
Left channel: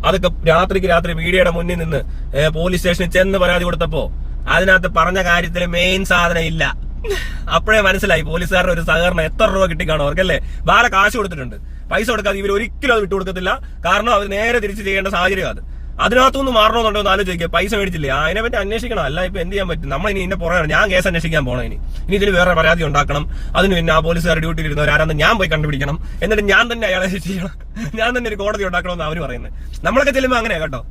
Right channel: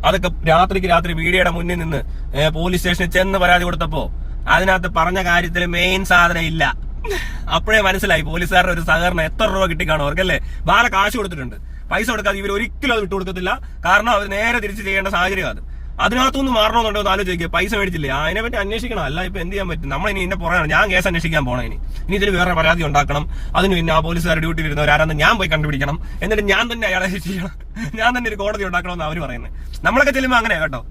അതൊക്കെ രാത്രിക്ക് രാത്രി മീഡിയയുടെ മുന്നിൽ നിന്ന് പോലീസ് സ്റ്റേഷനിൽ ചെന്ന് പരാതി കൊടുത്തപ്പോ അതിനകത്ത് പറഞ്ഞ കാര്യത്തിൽ മെയിൻ സാധനം ഇല്ല. അപ്പോഴേ മനസ്സിലായി പോലീസുകാരുടെ ഒരു സഹകരണം എത്ര രൂപ കിട്ടിക്കാണോ അവർക്കല്ലേ. വേറെ കാശ് കൊടുത്തിട്ടുണ്ട്, പൈസ കൊടുക്കാതെ ഇവർ ഒരിക്കലും അത് വിട്ടുകൊടുക്കത്തില്ല. കാരണം അവർ നേരെ തിരിച്ച് ചെയ്യേണ്ട സാഹചര്യം അത്. അതിനകത്തുനിന്ന് മാറണമെന്നുണ്ടോ എന്ന് ആലോചിക്കുക. പൈസ മേടിച്ചില്ലേ, അതിനെപ്പറ്റി അന്വേഷിക്കണം. അല്ല ഇപ്പൊ എന്ത് ചെയ്യാൻ പറ്റും, നമ്മളിനി ഇന്നെ പുറകെ ഞാൻ കേസ് അന്വേഷിക്കാൻ പോകണം. ഇനി ഇതിന് വേറെ പരാതി ഉണ്ടാക്കണം. അതിന് പിന്നെ ആ പോലീസുകാർ ഡ്യൂട്ടിയിൽ ഇരുന്നവരാരെന്ന് ഞാൻ പോയി കണ്ടുപിടിക്കണം. എന്നിട്ട് ഞാൻ തന്നെ അയാളെ ചെയ്യണം, ഞാൻ തന്നെ ഒരു കോടതി ഉണ്ടാക്കണമെന്ന് അവർ പറയുന്നത്. നമ്മളൊക്കെ ചെല്ലുമ്പോൾ അങ്ങനെയാ കേട്ടോ.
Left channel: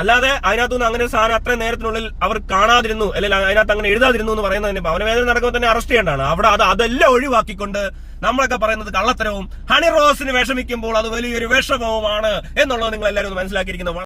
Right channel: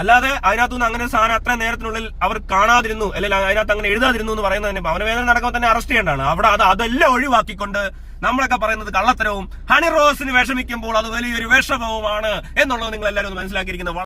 അല്ലാതെ അതിനകത്തുനിന്ന് അങ്ങനെ സാധനം അത്രയും നേരത്തിനുള്ളിൽ അവർ കാണാതിരുന്നു, അല്ലെങ്കിൽ അതിനകത്ത് അങ്ങനെ എഴുതാതിരുന്നു എന്ന് പറയുന്നതിന് ഭവനവേദന നടക്കുമ്പോൾ തന്നെ അറസ്റ്റ് ചെയ്യേണ്ടതാണ്. അവിടെ അതെല്ലാം ഒഴിവാക്കിക്കൊണ്ട് നമ്മളൊക്കെ പറയുന്നത് കള്ളത്തരവും ഹണി റോസിന് വിഷമിക്കുമ്പോൾ അത് വലിയൊരു വിഷമവുമാണ് എന്നുള്ളത് നിങ്ങൾ എല്ലാവരും ഒന്ന് മനസ്സിലാക്കിയിരിക്കുന്നത്